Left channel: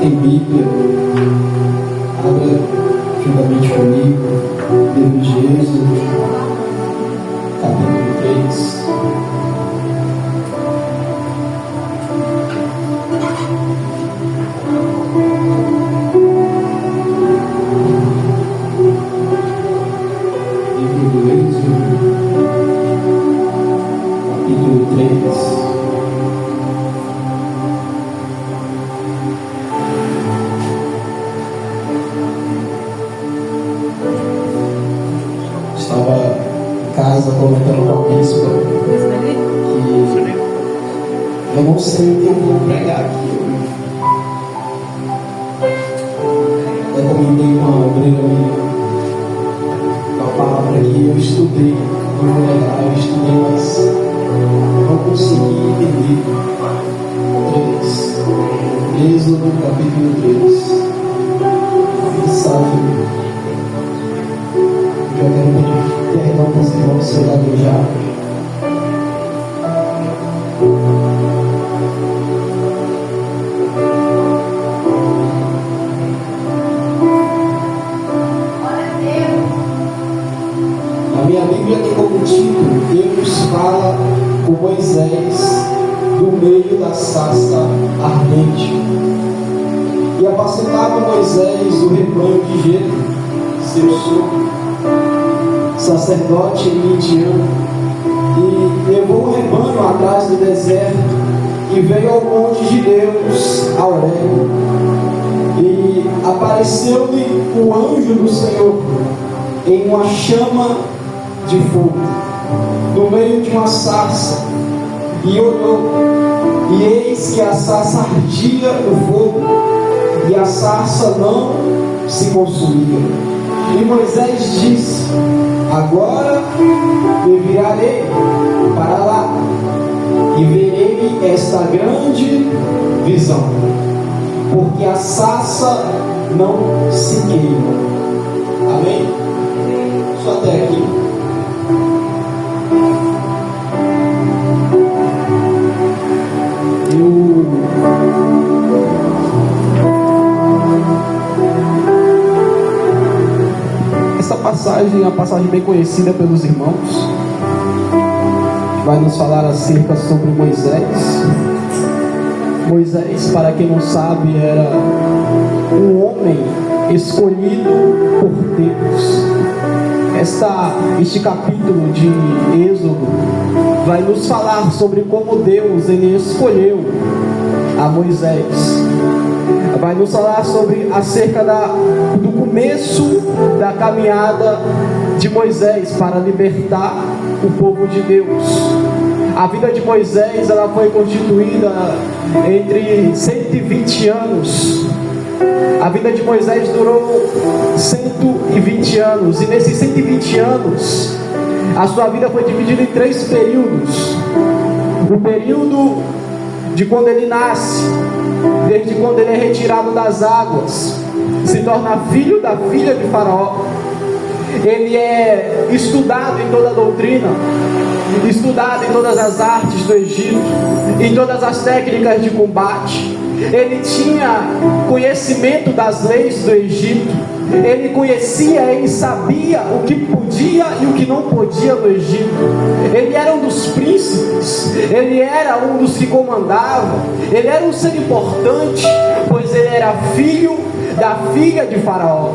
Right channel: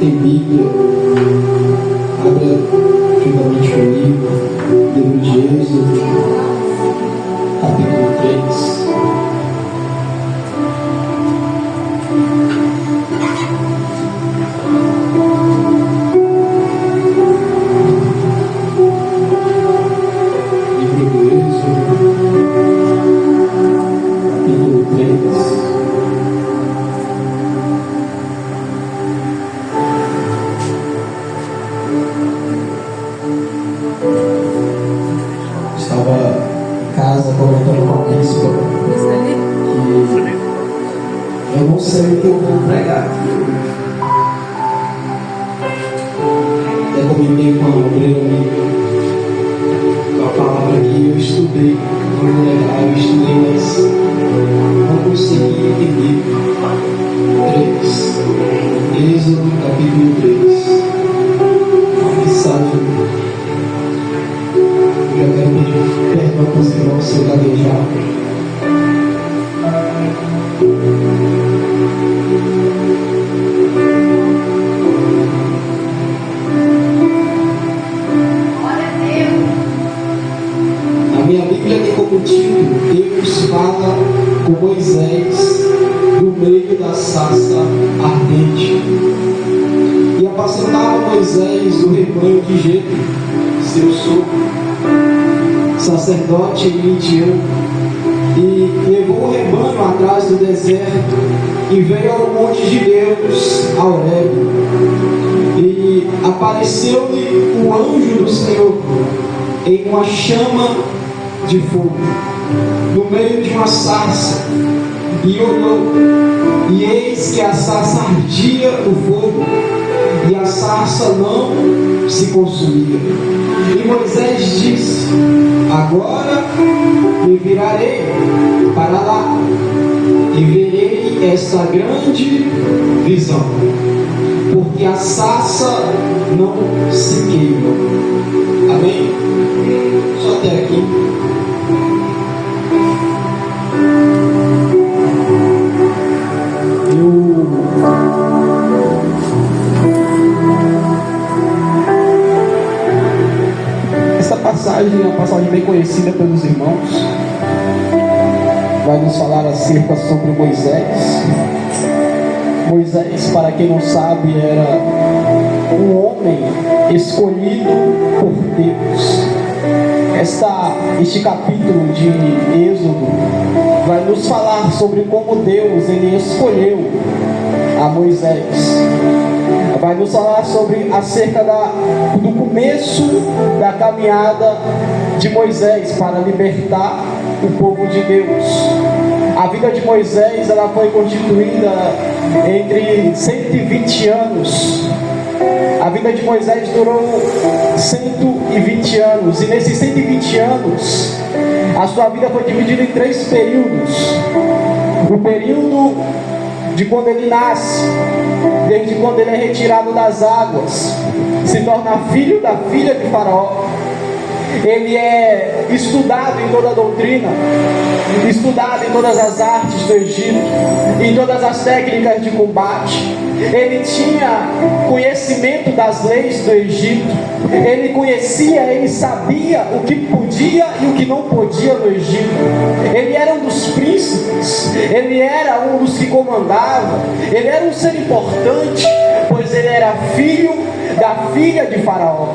tem Bíblia, abra juntamente comigo, livro de Êxodo, capítulo 3. Livro do Êxodo, capítulo 3. Comentando com a bispa que eu não sei o que eu vou pregar aqui. Eu comentei com uma obreira amiga a palavra que eu estudei muito legal, eu estudei, mas não consegui entender. 3 Êxodo capítulo 3. Que sabe, eu quero pedir perdão para os irmãos se eu gaguejar. Na minha Bíblia tem como título: Deus fala com Moisés no meio da sarça ardente. E apacentava Moisés o rebanho de Jetro, seu sogro, sacerdote midiano, e levou o rebanho atrás do deserto e veio ao monte de Deus, a Horebe, e apareceu-lhe o anjo do Senhor em uma chama de fogo no meio de uma sarça, e olhou, e eis que a sarça ardia o fogo, e a sarça não se consumia. E Moisés disse: agora me virarei para lá e verei esta grande visão, porque a sarça não se queima. Amém? Só até aqui. É uma passagem bem conhecida pelos irmãos. Vai nos falar acerca sobre Moisés. Moisés, para quem não sabe, era um homem escolhido por Deus. Este capítulo de Êxodo vai nos falar sobre como Deus ele escolheu a Moisés. Vai nos falar acerca do começo da caminhada de Moisés para libertar o povo de Deus. A vida de Moisés ela foi constituída entre 120 anos. A vida de Moisés durou 120 anos, e nesses 120 anos a sua vida foi dividida em 3 períodos. O período de quando ele nasce, desde quando ele é retirado das águas, se torna filho da filha de Faraó. Ele é estudado em toda a doutrina, estudado em todas as artes do Egito, em todas as técnicas de combate. Ele tinha conhecimento das leis do Egito. Ele conhecia, ele sabia o que podia e o que não podia no Egito. Ele era um dos príncipes, ele era um dos que comandava. Ele era um ser importante, pois ele era filho da filha de Faraó.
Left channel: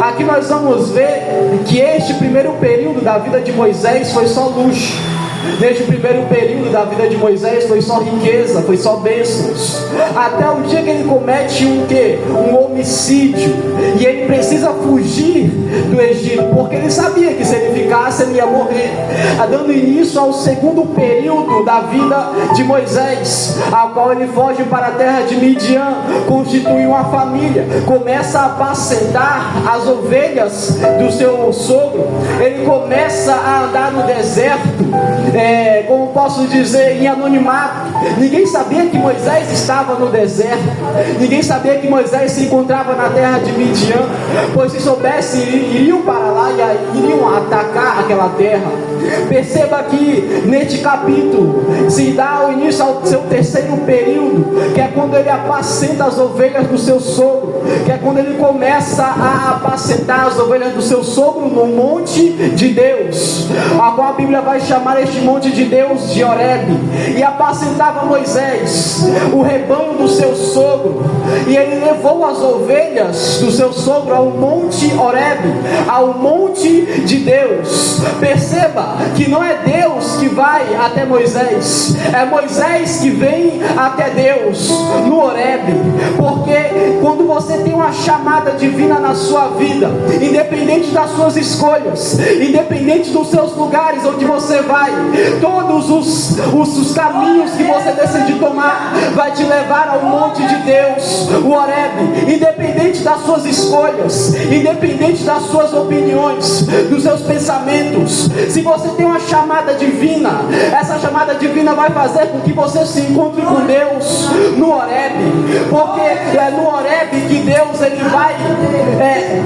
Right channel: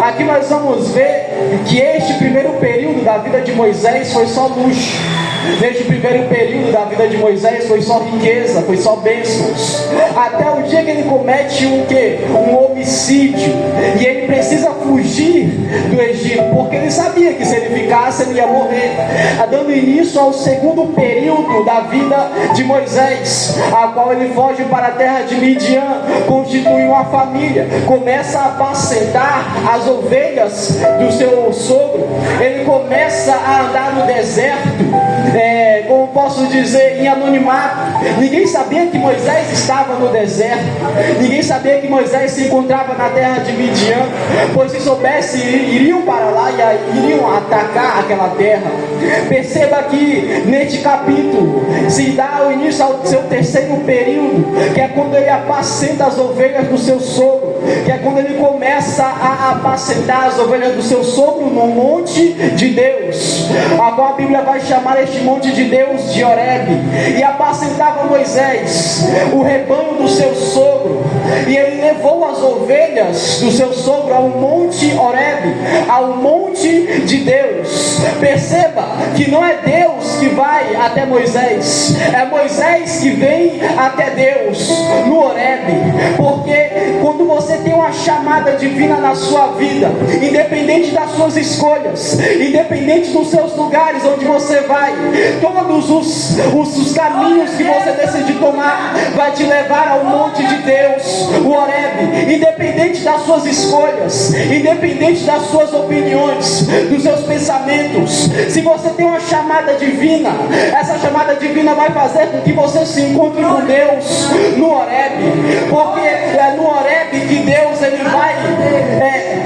Aqui nós vamos ver que este primeiro período da vida de Moisés foi só luxo. Desde o primeiro período da vida de Moisés foi só riqueza, foi só bênçãos, até o dia que ele comete um homicídio, e ele precisa fugir do Egito, porque ele sabia que se ele ficasse ele ia morrer, dando início ao segundo período da vida de Moisés, a qual ele foge para a terra de Midian, constitui uma família, começa a apacentar as ovelhas do seu sogro. Ele começa a andar no deserto, como posso dizer, em anonimato. Ninguém sabia que Moisés estava no deserto. Ninguém sabia que Moisés se encontrava na terra de Midian, pois se soubesse, iriam para lá e iriam atacar aquela terra. Perceba que neste capítulo se dá o início ao seu terceiro período, que é quando ele apacenta as ovelhas do seu sogro, que é quando ele começa a apacentar as ovelhas do seu sogro no monte de Deus, a qual a Bíblia vai chamar este monte de Deus de Horebe. E apacentava Moisés o rebanho do seu sogro, e ele levou as ovelhas do seu sogro ao monte Horebe, ao monte de Deus. Perceba que não é Deus que vai até Moisés, é Moisés que vem até Deus no Horebe. Porque quando você tem uma chamada divina na sua vida, independente das suas escolhas, independente dos seus lugares onde você vai, todos os caminhos que você decidir tomar vai te levar ao monte de Deus, o Horebe. Independente das suas escolhas, independente das suas opiniões, dos seus pensamentos, se você tem uma chamada divina, essa chamada divina vai fazer com que você se encontre com Deus no Horebe, porque é no Horebe que Deus ele vai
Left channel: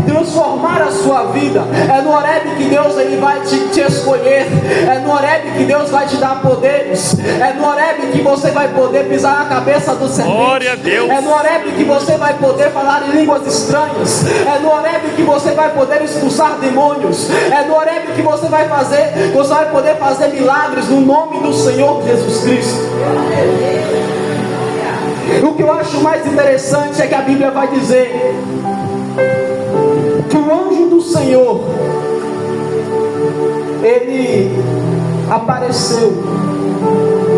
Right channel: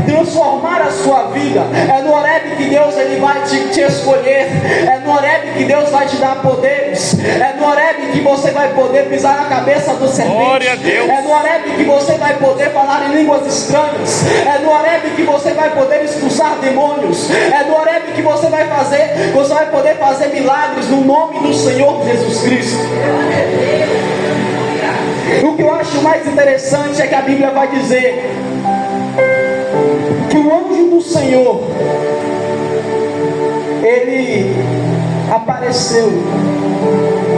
transformar a sua vida, é no Horebe que Deus ele vai te escolher, é no Horebe que Deus vai te dar poderes, é no Horebe que você vai poder pisar na cabeça do serpente, é no Horebe que você vai poder falar em línguas estranhas, é no Horebe que você vai poder expulsar demônios, é no Horebe que você vai poder fazer milagres no nome do Senhor Jesus Cristo. O que eu acho mais interessante é que a Bíblia vai dizer que o anjo do Senhor ele apareceu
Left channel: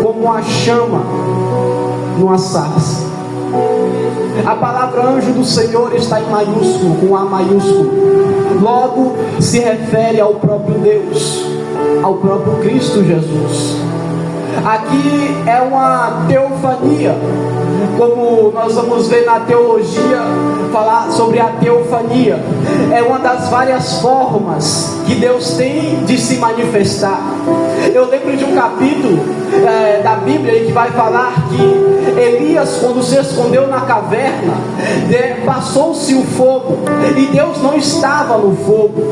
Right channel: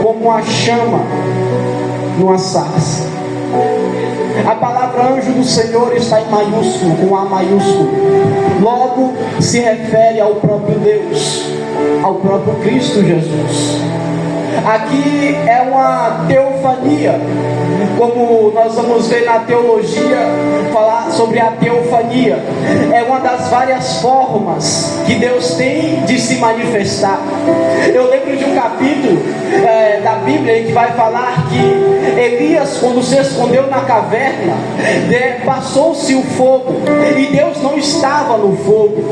como uma chama numa sarça. A palavra anjo do Senhor está em maiúsculo, com A maiúsculo. Logo se refere ao próprio Deus, ao próprio Cristo Jesus. Aqui é uma teofania, como nós vamos ver na teologia, falar sobre a teofania. É uma das várias formas que Deus tem de se manifestar. Eu lembro de um capítulo da Bíblia que vai falar que Elias, quando se escondeu na caverna, passou-se o fogo e Deus não estava no fogo.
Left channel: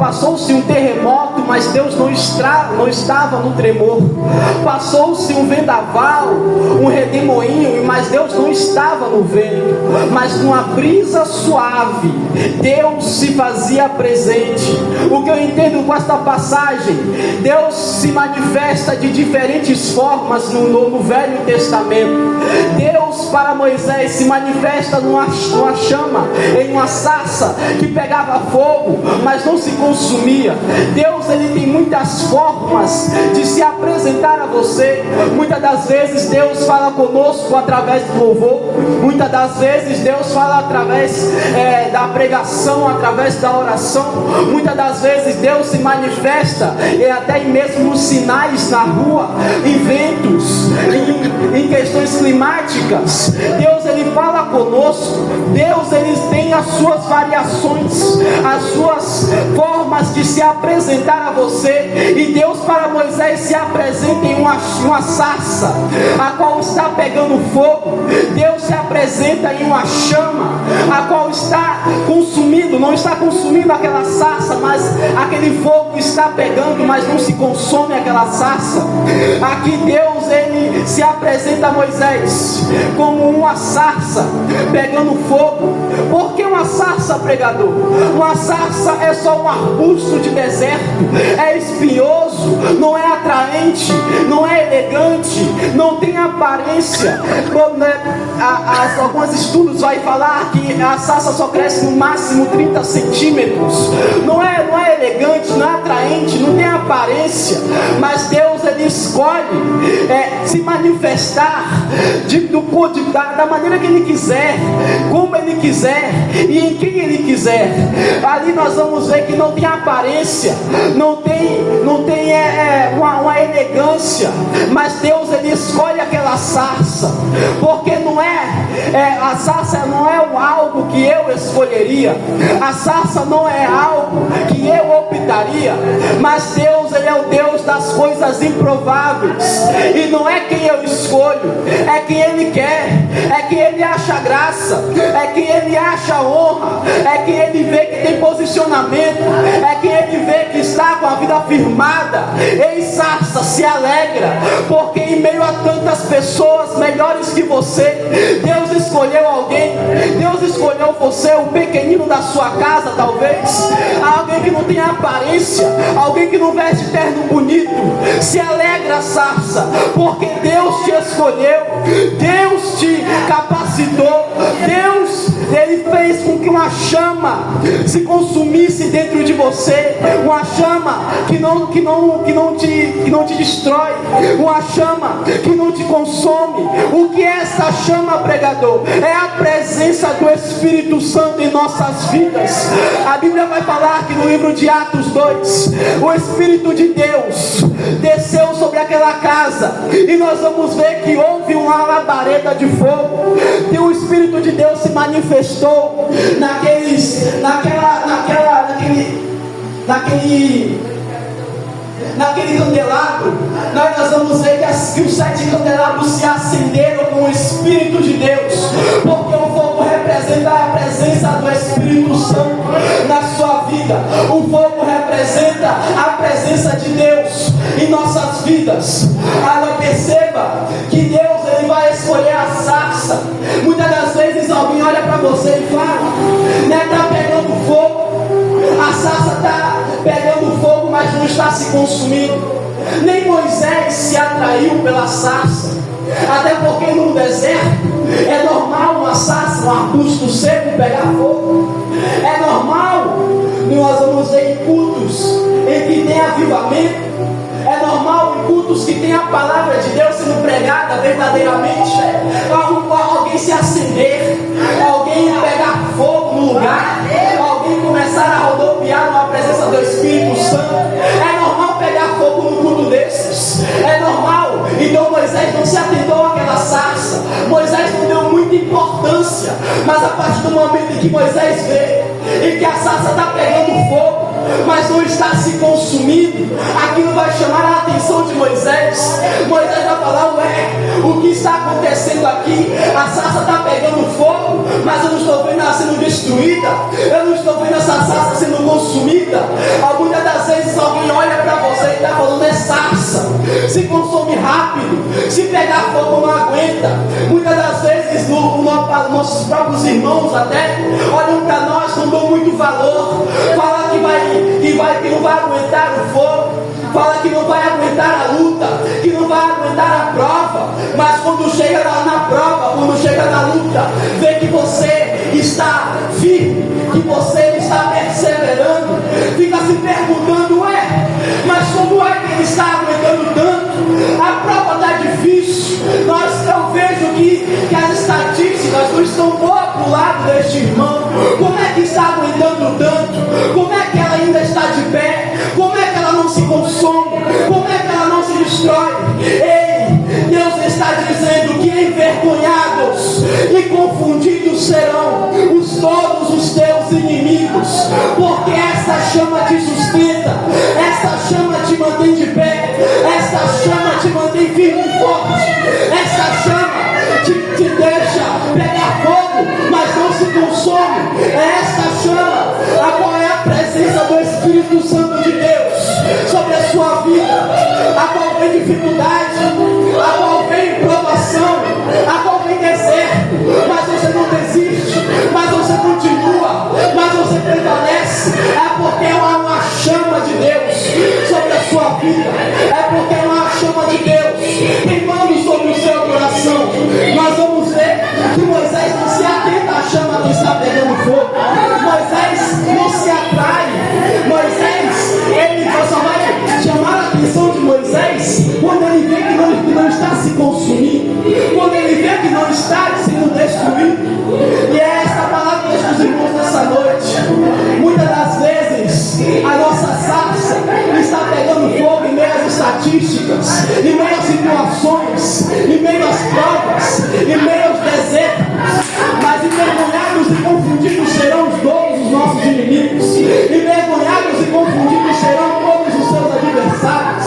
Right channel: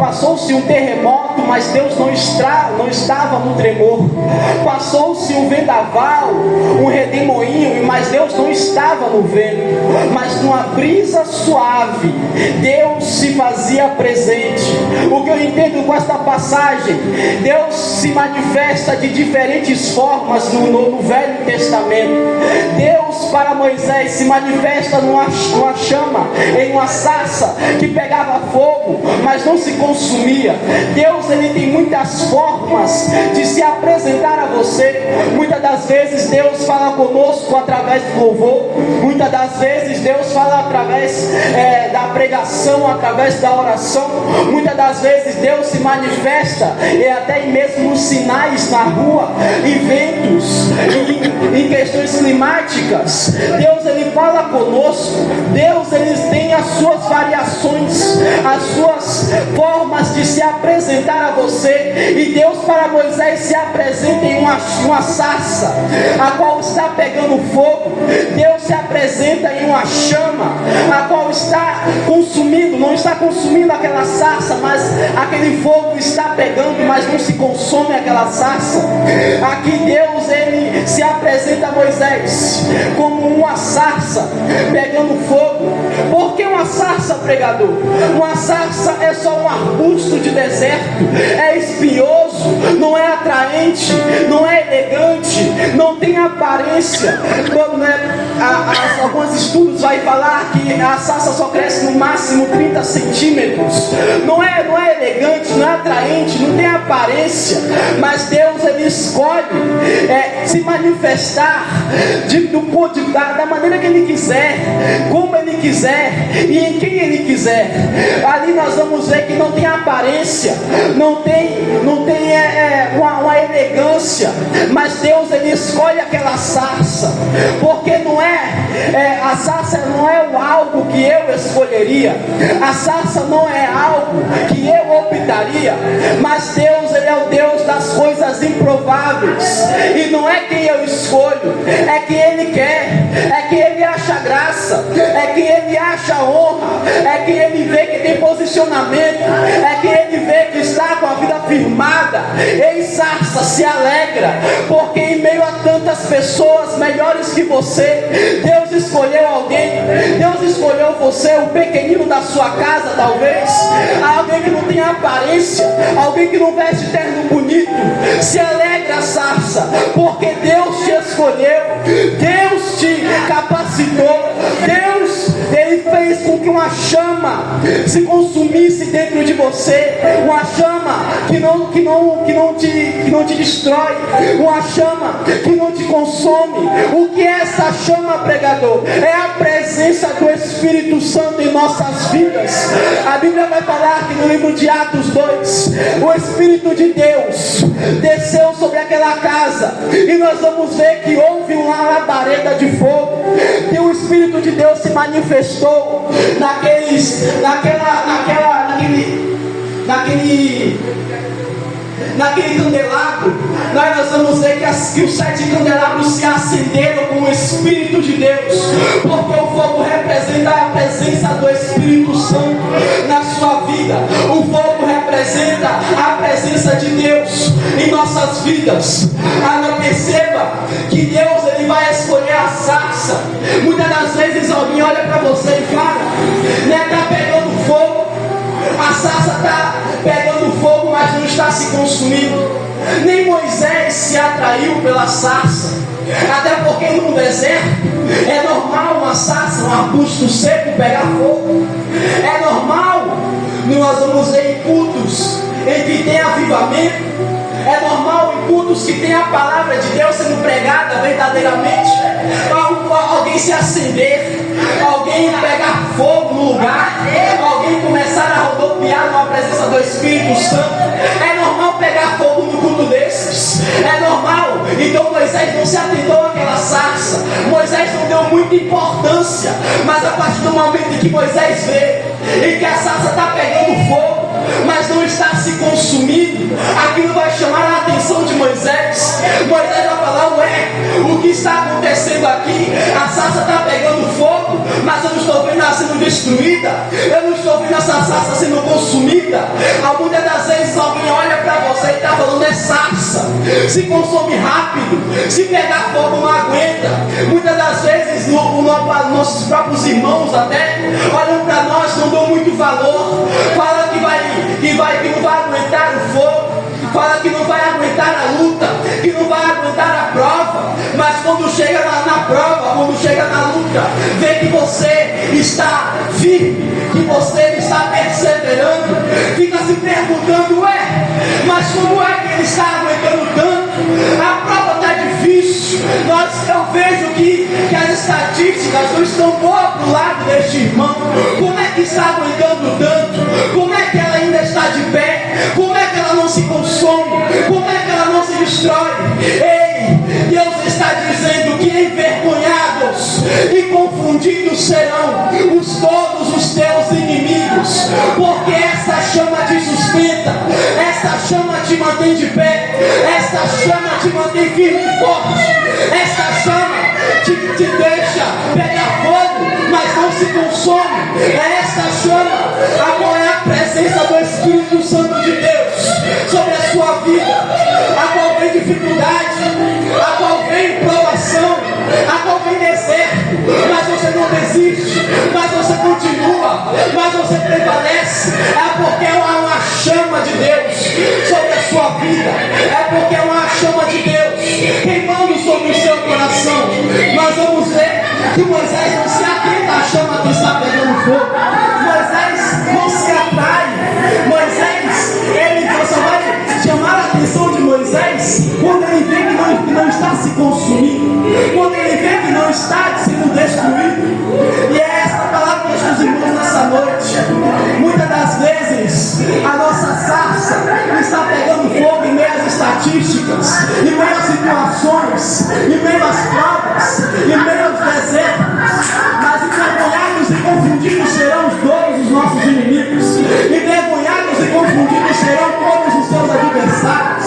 Passou-se um terremoto, mas Deus não estava no tremor. Passou-se um vendaval, um redemoinho, mas Deus não estava no vento. Mas numa brisa suave, Deus se fazia presente. O que eu entendo com esta passagem, Deus se manifesta de diferentes formas no Velho Testamento. Deus para Moisés se manifesta numa chama, em uma sarça que pegava fogo, mas não se consumia. Deus ele tem muitas formas de se apresentar a você. Muitas das vezes Deus fala conosco através do louvor. Muitas das vezes Deus fala através da pregação, através da oração. Muitas das vezes Deus se manifesta e até mesmo nos sinais na rua, em ventos, em questões climáticas. Deus ele fala conosco. Deus ele tem as suas variações, as suas formas de se apresentar a você. E Deus para Moisés se apresenta em uma sarça, a qual está pegando fogo. Deus se apresenta em uma chama, a qual está consumindo, não está consumindo aquela sarça, mas aquele fogo está pegando, mas não se consome aquela sarça. Aqui Deus ele se apresenta a Moisés como uma sarça pegando fogo. Por que uma sarça, pregador? Uma sarça é só um arbusto de deserto, é espinhoso, não é atraente, não é elegante, não tem aparência. Alguns estudos vai falar que a sarça só cresce no máximo 30 centímetros. Não é elegante, não é atraente, não tem aparência. Mas Deus ele escolhe se manifestar da maneira que Ele quiser, como Ele quiser e em quem Ele quiser. Ali nós vamos ver que não tem aparência, não tem uma elegância, mas Deus ele escolhe aquela sarça, porque a sarça não é algo que eu escolheria, a sarça não é algo que eu optaria, mas Deus ele é o Deus das coisas improváveis. E não é quem eu escolho, é quem Ele quer, é quem Ele acha graça, é quem Ele acha honra, é quem Ele vê que tem posicionamento, é quem Ele vê que está com a vida firmada. Ei, sarça, se alegra, porque em meio a tantas pessoas melhores que você, Deus escolheu alguém. Deus escolheu você, o pequenino da sua casa, talvez, alguém que não tem aparência, alguém que não veste terno bonito. Se alegra, sarça, porque Deus te escolheu, Deus te capacitou, Deus, Ele fez com que uma chama se consumisse dentro de você, uma chama que não te destrói, uma chama que não te consome. O que é essa chama, pregador? É a presença do Espírito Santo em nossas vidas. A Bíblia vai falar que no livro de Atos 2, o Espírito de Deus desceu sobre aquela casa, e nós vamos ver que houve uma labareda de fogo, que o Espírito de Deus se manifestou naquele candelabro. Nós vamos ver que os 7 candelabros se acenderam com o Espírito de Deus, porque o fogo representa a presença do Espírito Santo na sua vida. O fogo representa a presença de Deus em nossas vidas. Agora perceba que Deus, Ele vai escolher a sarça. Muitas das vezes alguém olha para você e fala, né, está pegando fogo, a sarça está pegando fogo, mas não está se consumindo. Nem Moisés se atraiu pela sarça, até porque no deserto é normal uma sarça, um arbusto seco pegar fogo. É normal, nós vamos ver em cultos em que tem avivamento. É normal em cultos que tem a palavra de Deus sendo pregada verdadeiramente, alguém se acender, alguém pegar fogo no lugar, alguém começar a rodopiar com a presença do Espírito Santo. É normal pegar fogo no culto desses, é normal. Então Moisés não se atentou àquela sarça, Moisés não deu muita importância, mas a partir do momento em que Moisés vê e que a sarça está pegando fogo, mas não está se consumindo, aquilo vai chamar a atenção de Moisés. Moisés vai falar, ué, o que está acontecendo aqui? A sarça está pegando fogo, mas eu não estou vendo ela sendo destruída, eu não estou vendo essa sarça sendo consumida. Muitas das vezes alguém olha para você e está falando, é sarça, se consome rápido, se pegar fogo não aguenta. Muitas das vezes nossos próprios irmãos até olham para nós, não dão muito valor, falam que não vai aguentar o fogo, fala que não vai aguentar a luta, que não vai aguentar a prova. Mas quando chega na prova, quando chega na luta, vê que você está firme, que você está perseverando, fica se perguntando, mas como é que ele está aguentando tanto? A prova está difícil. Eu vejo que as estatísticas não estão boas para o lado deste irmão. Como é que está aguentando tanto? Como é que ela ainda está de pé? Como é que ela não se consome? Como é que ela não se destrói? Ei, Deus está dizendo que envergonhados e confundidos serão todos os teus inimigos, porque essa chama te sustenta, essa chama te mantém de pé, essa chama te mantém firme e forte, essa chama te deixa pegar fogo, mas não se consome. É essa chama, a qual é a presença do Espírito Santo de Deus sobre a sua vida, a qual vem dificuldade, a qual vem provação, a qual vem deserto, mas você não desiste, mas você continua, mas você prevalece. É porque é uma chama de Deus sobre a sua vida, é porque é uma chama de Deus queimando sobre o seu coração. Nós vamos ver que Moisés não se atenta à chama que está pegando fogo, Moisés não se atrai, Moisés, ele só vai chamar a atenção de Moisés quando ele vê que não está se consumindo, quando ele vê que não está sendo destruído. E é esta palavra que os irmãos nessa noite. Muitas das vezes a nossa sarça está pegando fogo em meio às estatísticas, em meio às situações, em meio às provas, em meio aos desertos, mas envergonhados e confundidos serão todos os nossos inimigos, envergonhados e confundidos serão todos os seus adversários,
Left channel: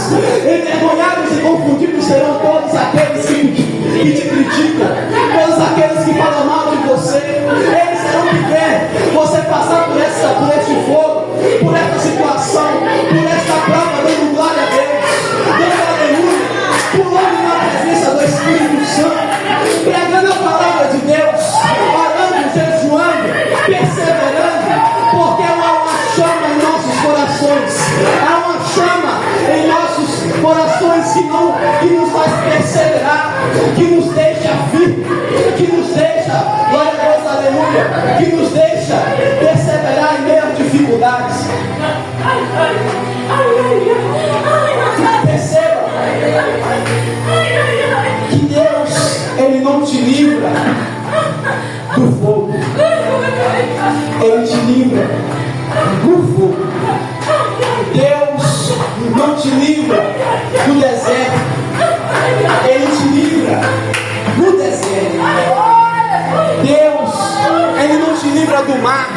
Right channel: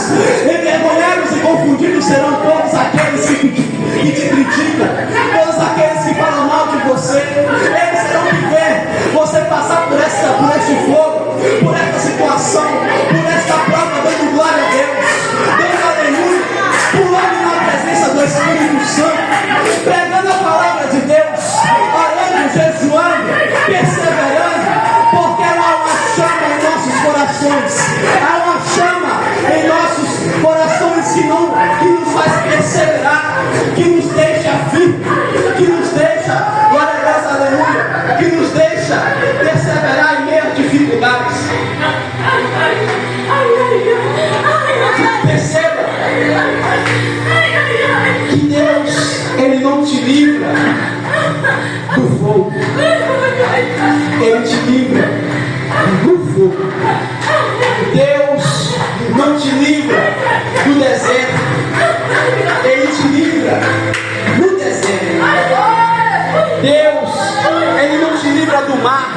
livra do mar.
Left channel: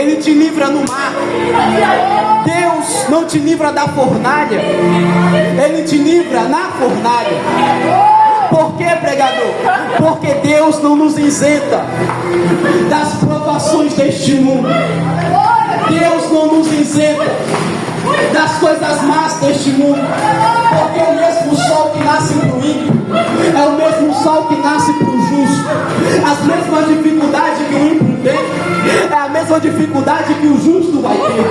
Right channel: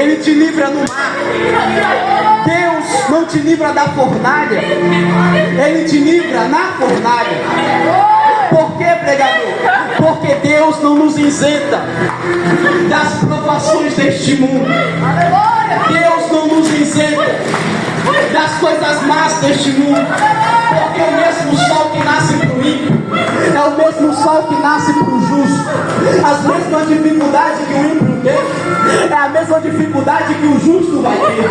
Ele te livra no mar. Deus não te livra da fornalha, Ele te livra na fornalha. Por que, pregador? Porque Deus não nos isenta das provações deste mundo. Deus não nos isenta das coisas más deste mundo. Porque o mesmo sol que nasce para o ímpio é o mesmo sol que nasce para o justo. As mesmas dificuldades que o ímpio tem é a mesma dificuldade que o justo vai ter.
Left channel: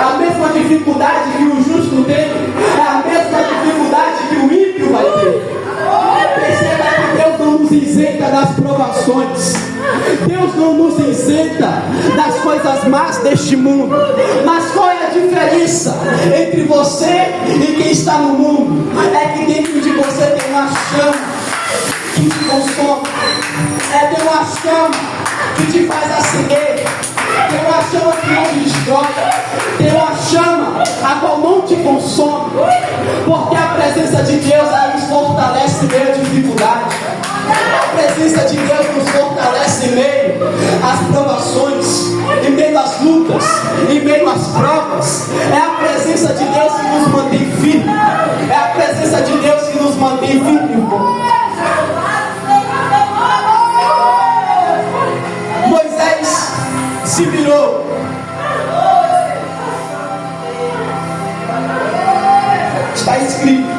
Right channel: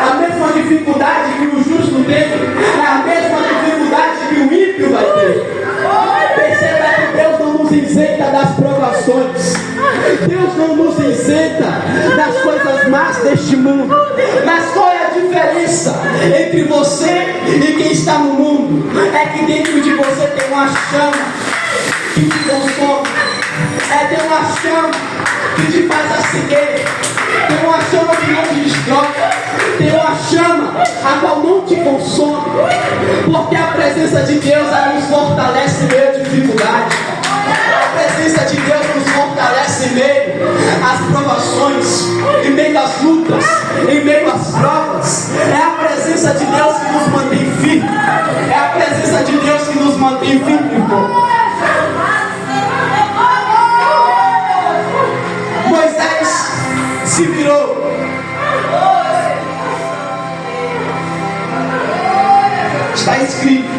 A mesma dificuldade que o justo teve é a mesma dificuldade que o ímpio vai ter. Perceba que Deus não nos isenta das provações. Deus não nos isenta das coisas más deste mundo. Mas qual é a diferença entre você e quem está no mundo? É que dentro de você tem uma chama que te consome. Tem uma chama que te faz acender. Tem uma chama que não te destrói. Tem uma chama a qual não te consome. Porque a presença de Deus, ela nos fortalece em meio à dificuldade. A presença de Deus nos fortalece em meio às provações, em meio às lutas, em meio às provas. É a presença de Deus que nos mantém firme. É a presença de Deus que nos mantém firme, irmão. Moisés se virou. Está escrito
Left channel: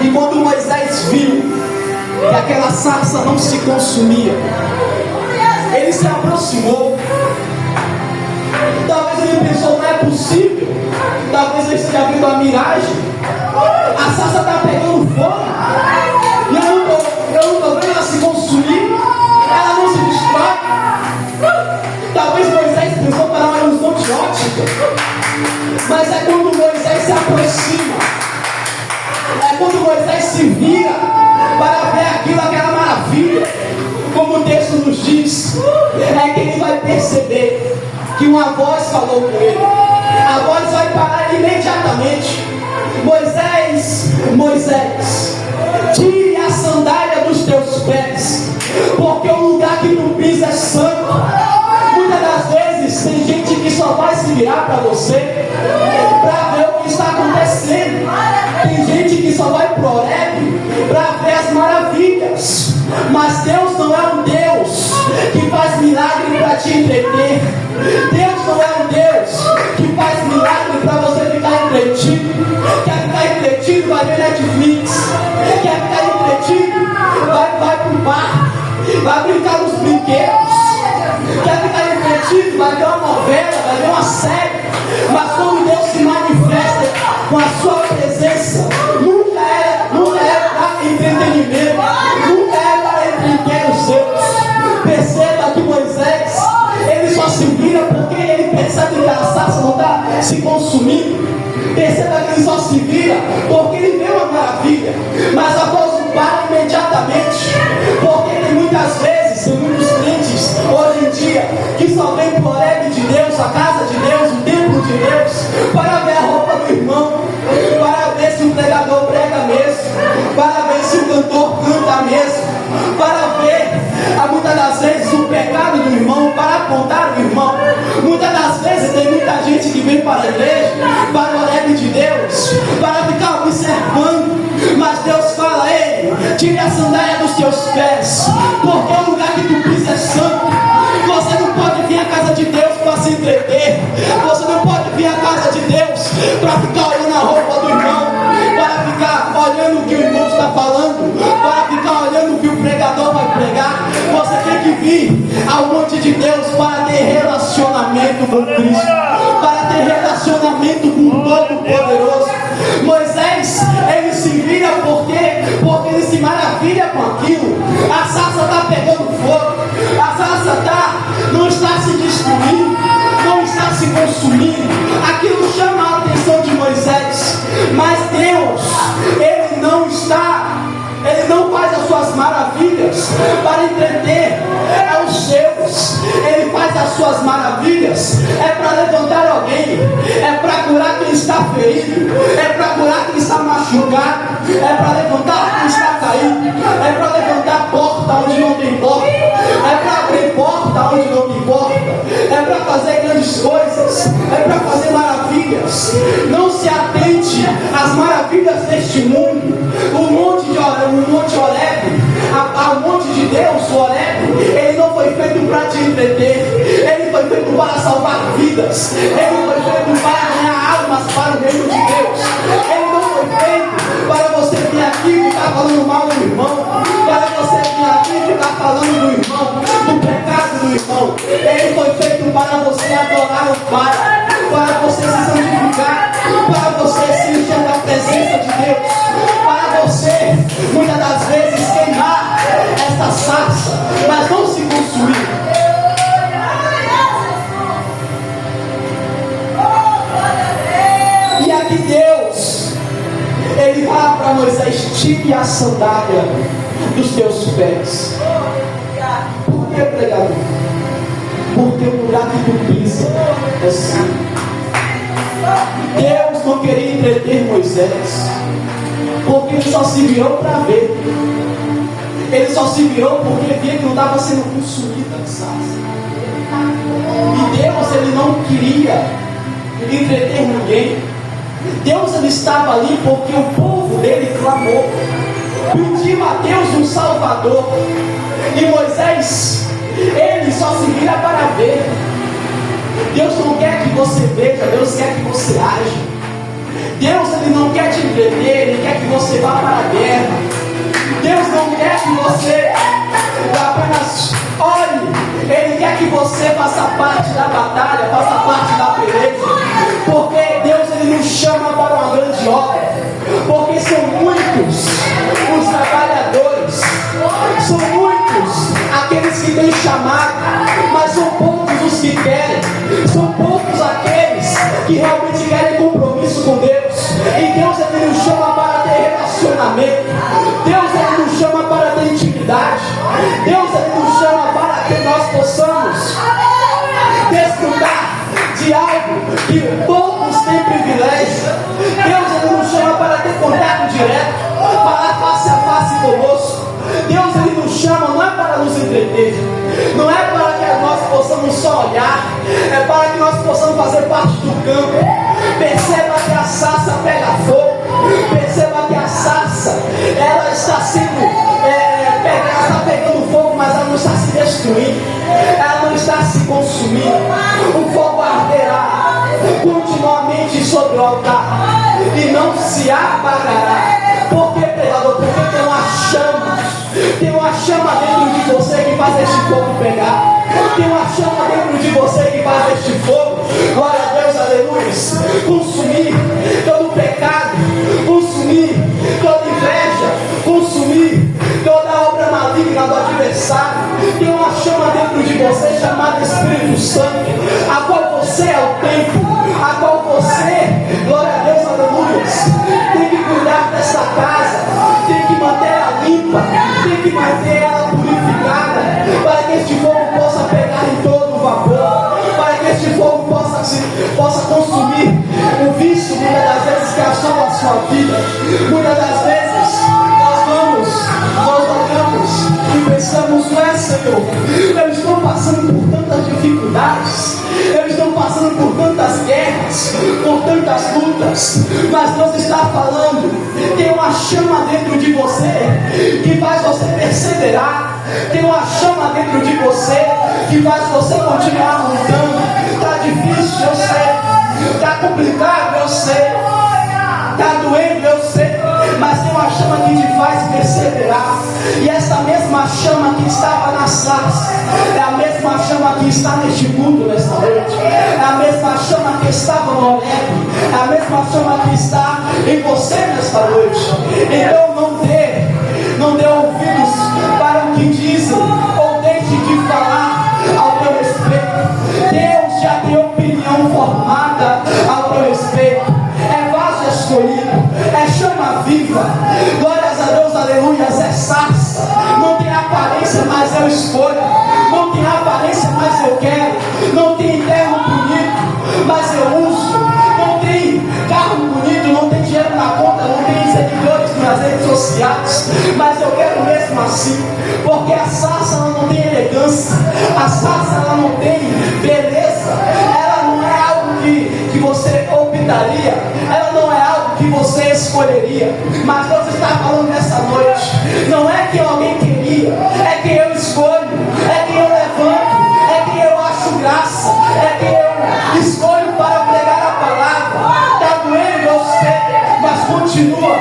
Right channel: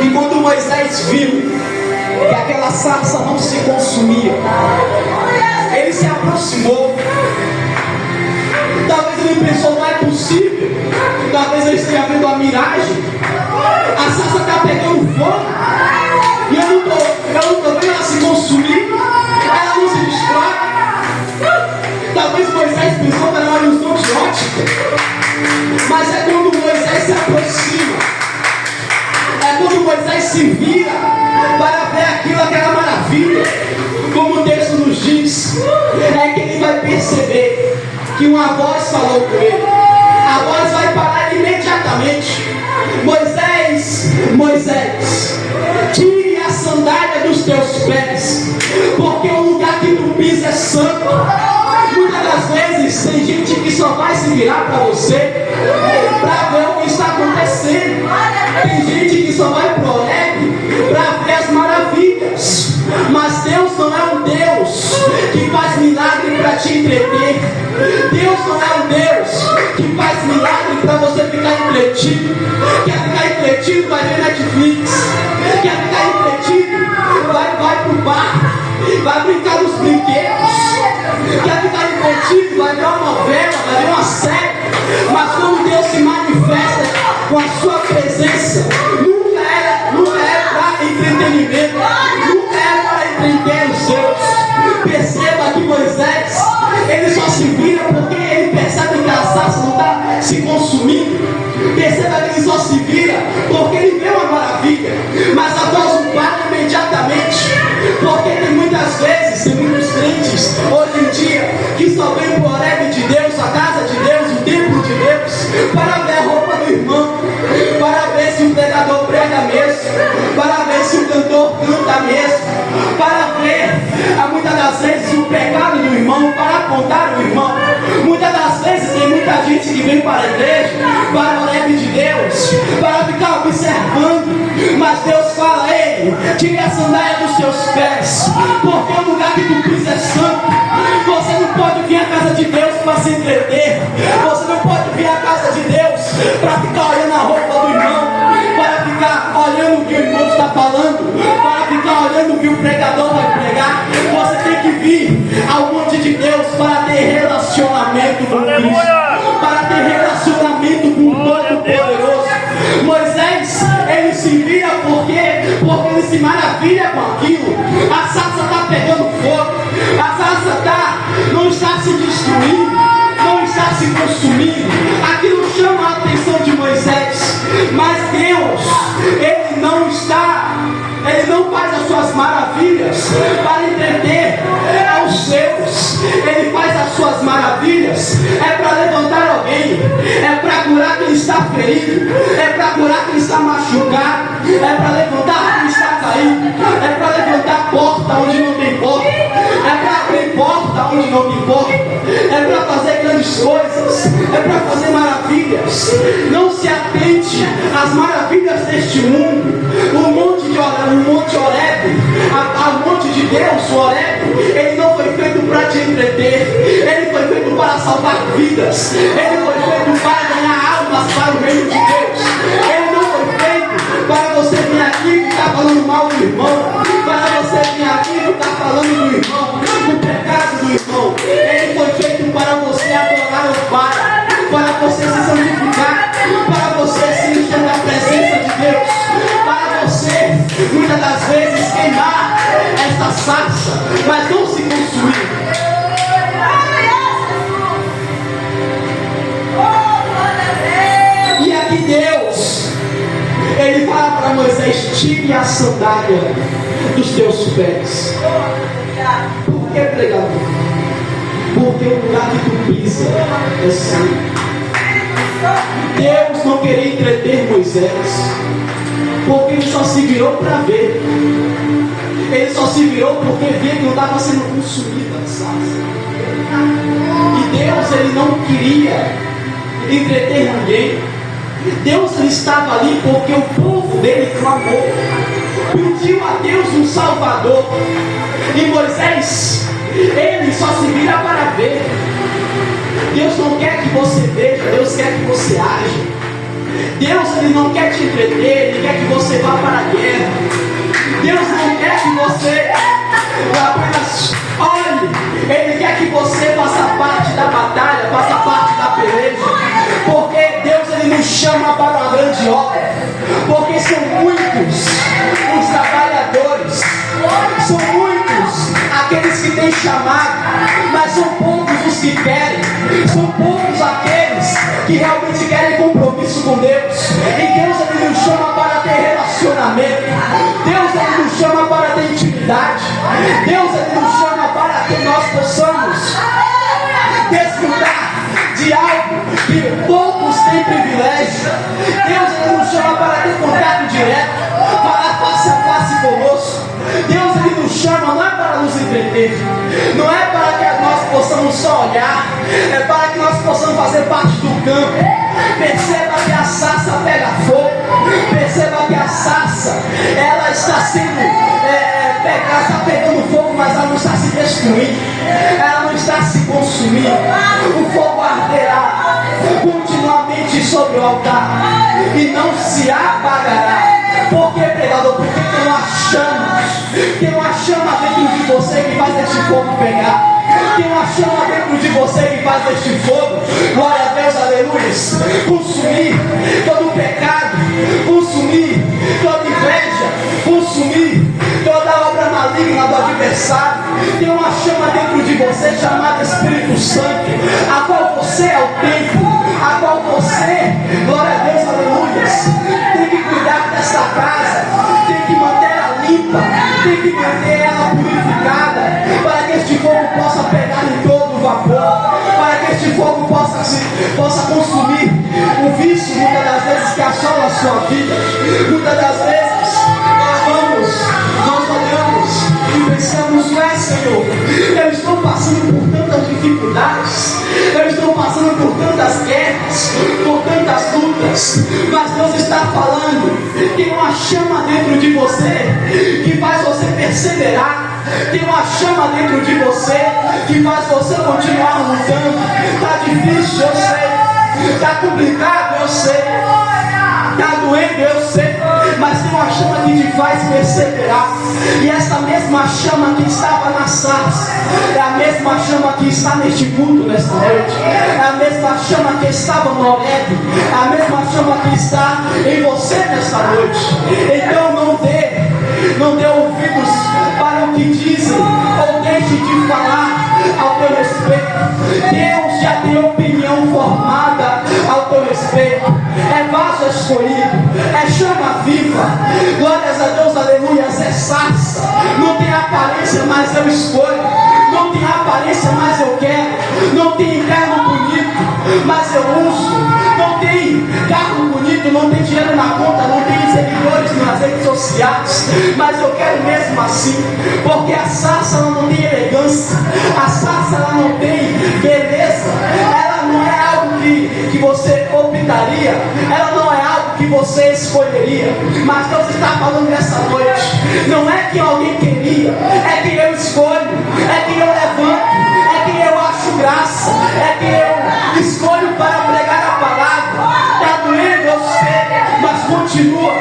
que quando Moisés viu que aquela sarça não se consumia, ele se aproximou. Talvez ele pensou, não é possível. Talvez eu esteja vendo a miragem. A sarça está pegando fogo e eu não estou vendo ela se consumir. Ela não se destrói. Talvez Moisés pensou que era uma ilusão de ótica. Mas é quando Moisés se aproxima, é quando Moisés se vira para ver aquela maravilha, como o texto nos diz, é que ele vai perceber que uma voz falou com ele. A voz vai parar imediatamente. Moisés, Moisés, tire a sandália dos teus pés, porque o lugar que tu pisa é santo. Muitas das vezes tem gente que só vai se virar para você para ver o que está acontecendo. Tem gente que só vai pro Horebe para ver as maravilhas. Mas Deus não é um Deus que faz milagre para te entreter. Deus não é um Deus que faz milagre para você ficar entretido. Quer ficar entretido, vai ver Netflix. Quer ficar entretido, vai pro bar, vai brincar nos brinquedos. Quer ficar entretido, vai ver uma novela, vai ver uma série. Mas quando Deus se manifesta com a sua presença, nunca é para entretenimento, nunca é para entreter os seus. Perceba que Moisés, ele só se vira porque ele percebe que a sarça não está se consumindo. Perceba que ele só se vira porque ele vê uma maravilha. Mas a voz não para imediatamente, porque tem muitas vezes, tem muitos crentes hoje em dia que só vem para o Horebe de Deus, a casa de Deus, o templo de Deus, para ver a roupa do irmão, para ver se o pregador prega mesmo, para ver se o cantor canta mesmo, para ver muitas das vezes o pecado do irmão, para apontar o irmão. Muitas das vezes tem muita gente que vem para a igreja, para o Horebe de Deus, para ficar observando. Mas Deus fala: ei, tire a sandália dos seus pés, porque o lugar que tu pisa é santo. Você não pode vir à casa de Deus para se entreter. Você não pode vir à casa de Deus para ficar olhando a roupa do irmão, para ficar olhando o que o irmão está falando, para ficar olhando o que o pregador vai pregar. Você tem que vir ao monte de Deus para ter relacionamento com Cristo, para ter relacionamento com o Todo-Poderoso. Moisés, ele se vira porque ele se maravilha com aquilo. A sarça está pegando fogo, a sarça não está se destruindo, não está se consumindo. Aquilo chama a atenção de Moisés. Mas Deus, ele não faz as suas maravilhas para entreter aos seus. Ele faz as suas maravilhas para levantar alguém, para curar quem está ferido, para curar quem está machucado, para levantar quem está caído, para levantar a porta onde não tem porta, para vidas. Ele foi feito para ganhar almas para o reino de Deus. Ele não foi feito para você vir aqui e ficar falando mal do irmão, para você vir aqui e ficar falando do irmão, do pecado do irmão. Ele foi feito para você adorar o Pai, para você se santificar, para você se encher da presença de Deus, para você, muitas das vezes, queimar esta sarça, mas não se consumir. E aqui Deus, Ele fala para Moisés: tire a sandália dos teus pés. Por que, pregador? Porque o lugar que tu pisa é santo. Deus não queria entreter Moisés, porque ele só se virou para ver. Ele só se virou porque viu que não estava sendo consumido a sarça. E Deus, Ele não queria entreter ninguém. Deus, Ele estava ali porque o povo dele clamou, pediu a Deus um Salvador. E Moisés, ele só se vira para ver. Deus não quer que você veja, Deus quer que você age. Deus, Ele não quer te entreter, Ele quer que você vá para a guerra. Deus não quer que você apenas olhe, Ele quer que você faça parte da batalha, faça parte da peleja. Porque Deus, Ele nos chama para uma grande obra. Porque são muitos os trabalhadores, são muitos aqueles que têm chamado, mas são poucos os que querem. São poucos aqueles que realmente querem compromisso com Deus. E Deus, Ele nos chama para ter relacionamento. Deus, Ele nos chama para ter intimidade. Deus, Ele nos chama para que nós possamos desfrutar de algo que poucos têm privilégio. Deus, Ele nos chama para ter contato direto, falar face a face conosco. Deus, Ele nos chama não é para nos entreter, não é para que nós possamos só olhar, é para que nós possamos fazer parte do campo. Perceba que a sarça pega fogo, perceba que a sarça, ela está sendo ela está pegando fogo, mas ela não está se destruindo, ela não está se consumindo. O fogo arderá continuamente sobre o altar e não se apagará. Por que, pregador? Porque tem uma chama dentro de você que faz este fogo pegar. Tem uma chama dentro de você que faz este fogo, glória a Deus, aleluia, consumir todo pecado, consumir toda inveja, consumir toda obra maligna do adversário. Tem uma chama dentro de você chamada Espírito Santo, a qual você é o templo, a qual você, glória a Deus, aleluia, tem que cuidar dessa casa, tem que manter ela limpa, tem que manter ela purificada, para que este fogo possa pegar em todo o vapor, para que este fogo possa consumir o vício, muitas das vezes, que assola a sua vida. Muitas das vezes nós olhamos e pensamos: Senhor, eu estou passando por tantas dificuldades, eu estou passando por tantas guerras, por tantas lutas, mas Deus está falando, tem uma chama dentro de você que faz você perseverar, tem uma chama dentro de você que faz você continuar lutando. Está difícil, eu sei, está complicado, eu sei, está doendo, eu sei, mas tem uma chama que te faz perseverar. E essa mesma chama que estava na sarça é a mesma chama que está neste mundo nesta noite, é a mesma chama que estava no Horebe, é a mesma chama que está em você nesta noite. Então não dê ouvidos para o que dizem, ou deixe de falar ao teu respeito. Deus já tem opinião formada ao teu respeito. É vaso escolhido, é chama viva, glórias a Deus, aleluias, é sarça. Não tem aparência, mas eu escolho. Não tem aparência, mas eu quero. Não tem terno bonito, mas eu uso. Não tem carro bonito, não tem dinheiro na conta, não tem seguidores nas redes sociais, mas eu quero mesmo assim, porque a sarça ela não tem elegância, a sarça ela não tem beleza, ela não é algo que você optaria, ela não é algo que você escolheria, mas Deus está falando nessa noite, não é que alguém queria, é que eu escolho, é que eu levanto, é que eu acho graça, é que eu escolho continua,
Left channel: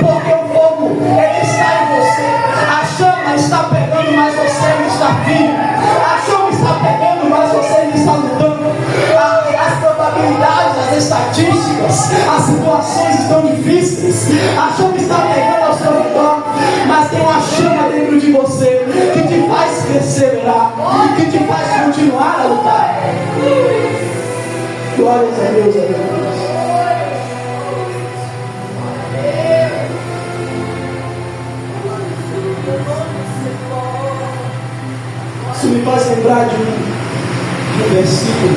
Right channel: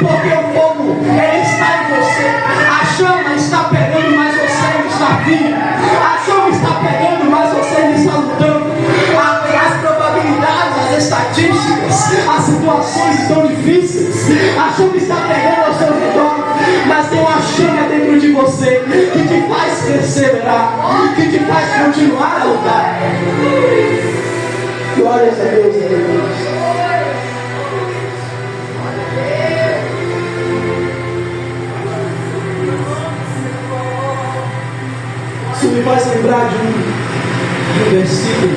porque o fogo, ele está em você. A chama está pegando, mas você não está vivo. A chama está pegando, mas você não está lutando. As probabilidades, as estatísticas, as situações estão difíceis. A chama está pegando ao seu redor, mas tem uma chama dentro de você que te faz perseverar, que te faz continuar a lutar. Glórias a Deus, aleluia. Isso me faz lembrar de um versículo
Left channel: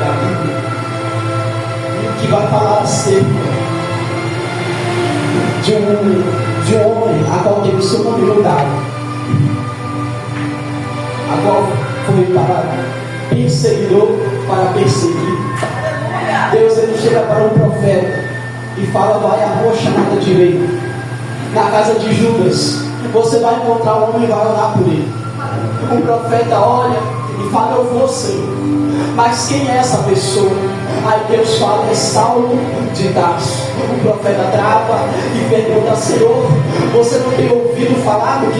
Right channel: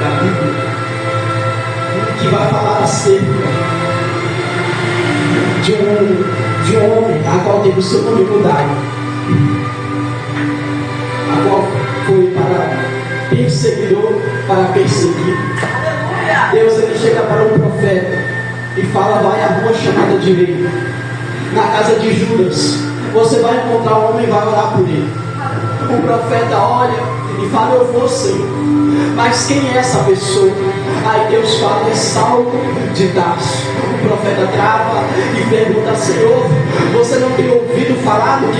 da Bíblia que vai falar acerca de um homem a qual teve o seu nome mudado, a qual foi para perseguidor para perseguir. Deus, ele chega para um profeta e fala: vai à rua chamada direita, na casa de Judas, você vai encontrar um homem e vai orar por ele. O profeta olha e fala: eu vou sim, mas quem é essa pessoa? Aí Deus fala: é Saulo de Tarso. O profeta trava e pergunta: Senhor, você não tem ouvido falar do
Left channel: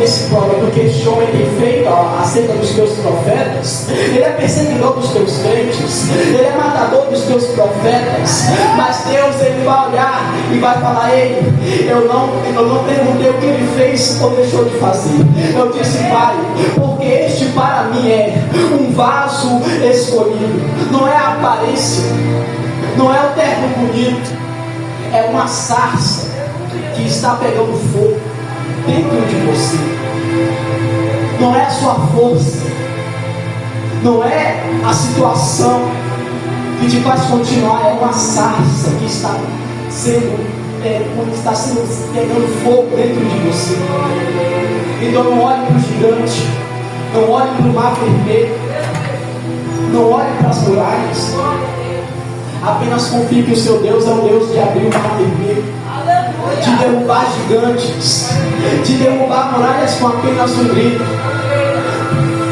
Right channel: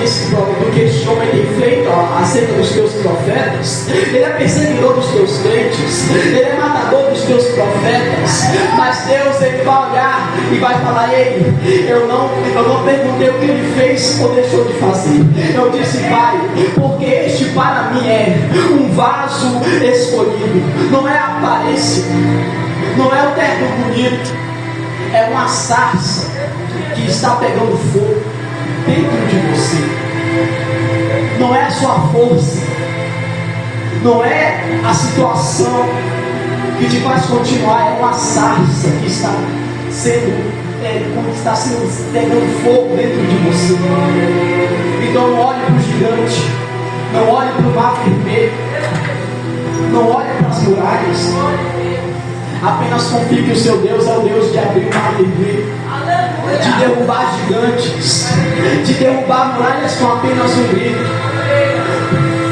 que este homem tem feito acerca dos teus profetas? Ele é perseguidor dos teus crentes, ele é matador dos teus profetas. Mas Deus, ele vai olhar e vai falar: ei, eu não perguntei o que ele fez ou deixou de fazer. Eu disse: Pai, porque este para mim é um vaso escolhido. Não é a aparência, não é o terno bonito, é uma sarça que está pegando fogo dentro de você. Não é a sua força, não é a situação que te faz continuar, é uma sarça que está pegando fogo dentro de você. Então não olhe para o gigante, não olhe para o mar vermelho, não olhe para as muralhas. Apenas confie que o seu Deus é o Deus de abrir o mar vermelho, de derrubar gigantes, de derrubar muralhas com apenas um grito.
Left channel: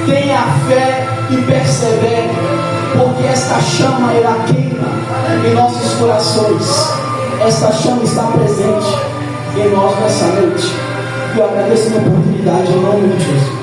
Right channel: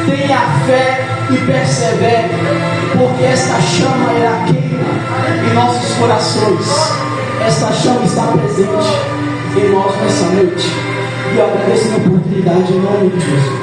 Tenha fé e persevere, porque esta chama irá queimar em nossos corações. Esta chama está presente em nós nessa noite. E eu agradeço a oportunidade em nome de Jesus.